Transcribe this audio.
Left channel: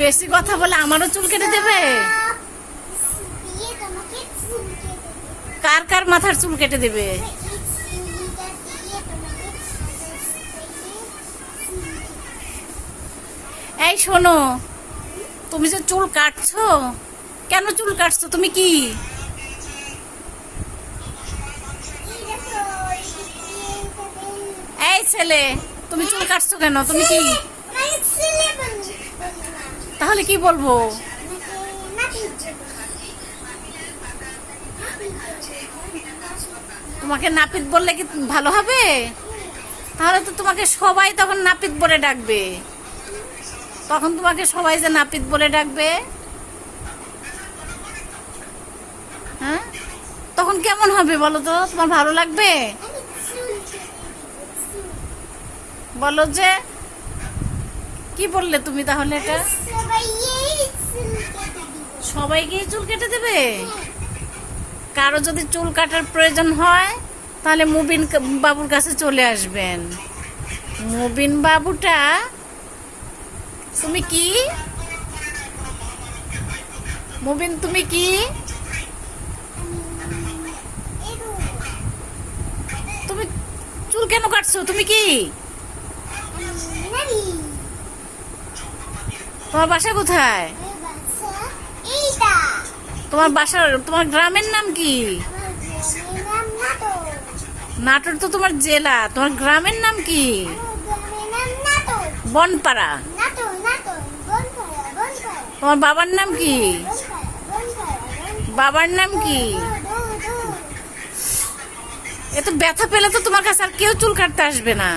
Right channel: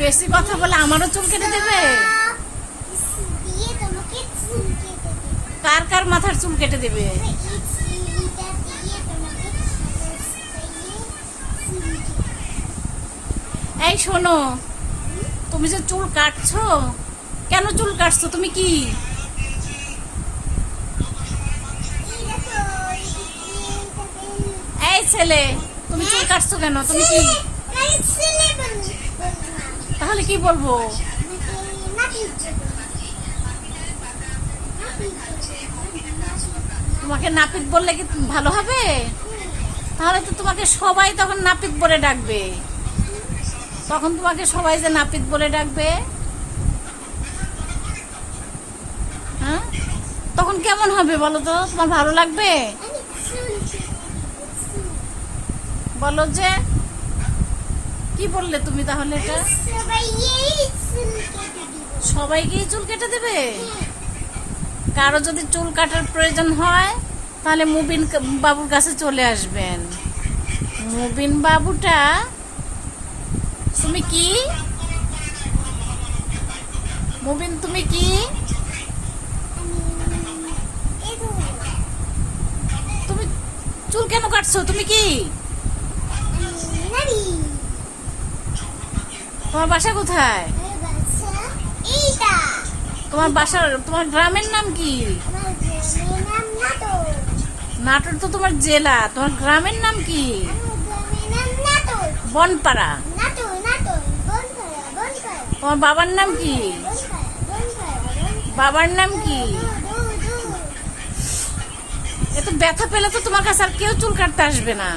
বেশি কথা বলে আমারও চুল কেটে দেবে? কার কার মাথার চুল কেটে দেবে? এই শোনো, তুমি যে চুল কাটছো, কেন চুল কাটছো? তুমি কি এই ছেলে, তুমি চুল কাটছো কেন? তুমি কি তাহলে কি বলবো? তোমাকে নাপিত বললে কি ভালো হবে? তাহলে তো তোমাকে সবাই তখন নাপিত বলে ডাকবে। তখন তোমাকে সবাই যে নাপিত বলে ডাকবে, হ্যাঁ, তখন কেমন হবে বলো তো? তোমার ভালো লাগবে? বলো যে কি বললে তুমি তাহলে? এটা সবাইকেই চুল কেটে দেবে? কারো যদি চুল কাটার প্রয়োজন হয় তাহলে মুবিন বাবুর কাছে চলে আসবেন। মুবিন বাবুটা, তুমি কি মুবিন, তুমি কি তুমি চুল কেন কাটছো? তুমি কি, তোমার বাসা কোথায়? তোমার বাসার, তোমার গ্রামের নাম কি? নাটোর তো তোমার জেলা, তোমার গ্রামের নাম কি? বনপাড়া। তোমার বাবার নাম কি? বাবার নাম কি? এত ব্যথা পেলে তো তোমার কাছে আর কেউ চুল কাটতে আসবে না।